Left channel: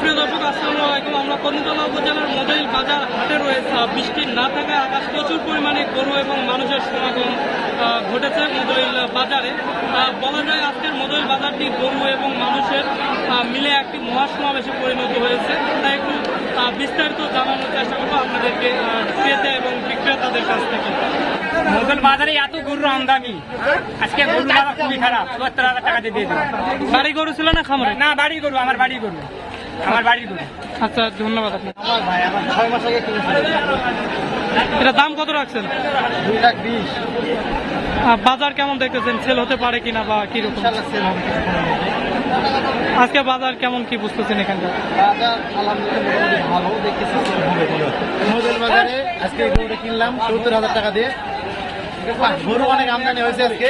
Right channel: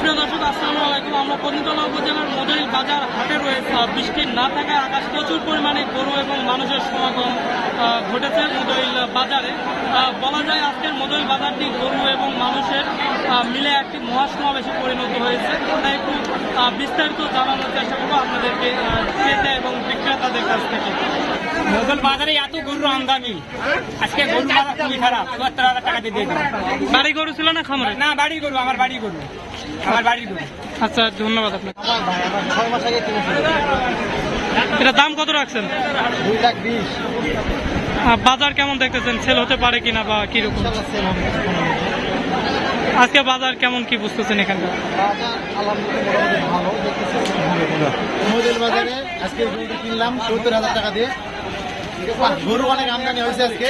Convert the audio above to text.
সুপ্রিয় দর্শক, আসসালামু আলাইকুম। আমরা কর্ণিতলা উপজেলার মদইল বাজার হাটে রয়েছে। বৃষ্টি না থাকায় আকাশ প্রচুর পরিমাণে গরু এবং মানুষের সমাগম ঘটেছে মদইল বাজারে। বলা যায় আজকের মদইল বাজারটি গরু এবং মানুষের মিলে একটি মহাসমাবেশে পরিণত হয়েছে। তাই একটু বিস্তারিত জানানোর চেষ্টা করবো আপনাদেরকে ক্রেতা এবং বিক্রেতাদের কাছ থেকে। মদইল বাজারে এত গরুর আমদানি, আজকে গরু বাজার খুবই খারাপ। ৭৪,০০০ টাকা দিয়ে দিলাম। বাড়ি গরু ছিল না খামারে? না, বাড়ি গরু, আমার বাড়ি গরু, আমার বাড়ি গরু। আচ্ছা, ধন্যবাদ আপনাকে। আমার ভাই আমার 6 মাস আগে কিনেছিল। এটা দাম কত রাখছেন? 2,20,000। বাজার কেমন দেখতেছেন? সেল হতে পারে কিনা বা কিরকম? ইনশাআল্লাহ সেল হবে কিছুক্ষণের মধ্যে। আজকে বাজার কেমন কি বুঝতেছেন এখানকার? বাজার আলহামদুলিল্লাহ মোটামুটি ভালো দেখতেছি, সেল হবে কোনো। মদইল বাজারে আজকে এই গরুটা কিনলাম ৭০,০০০ টাকা দিয়ে। গরু অনেক আমদানি হয়েছে আজকে।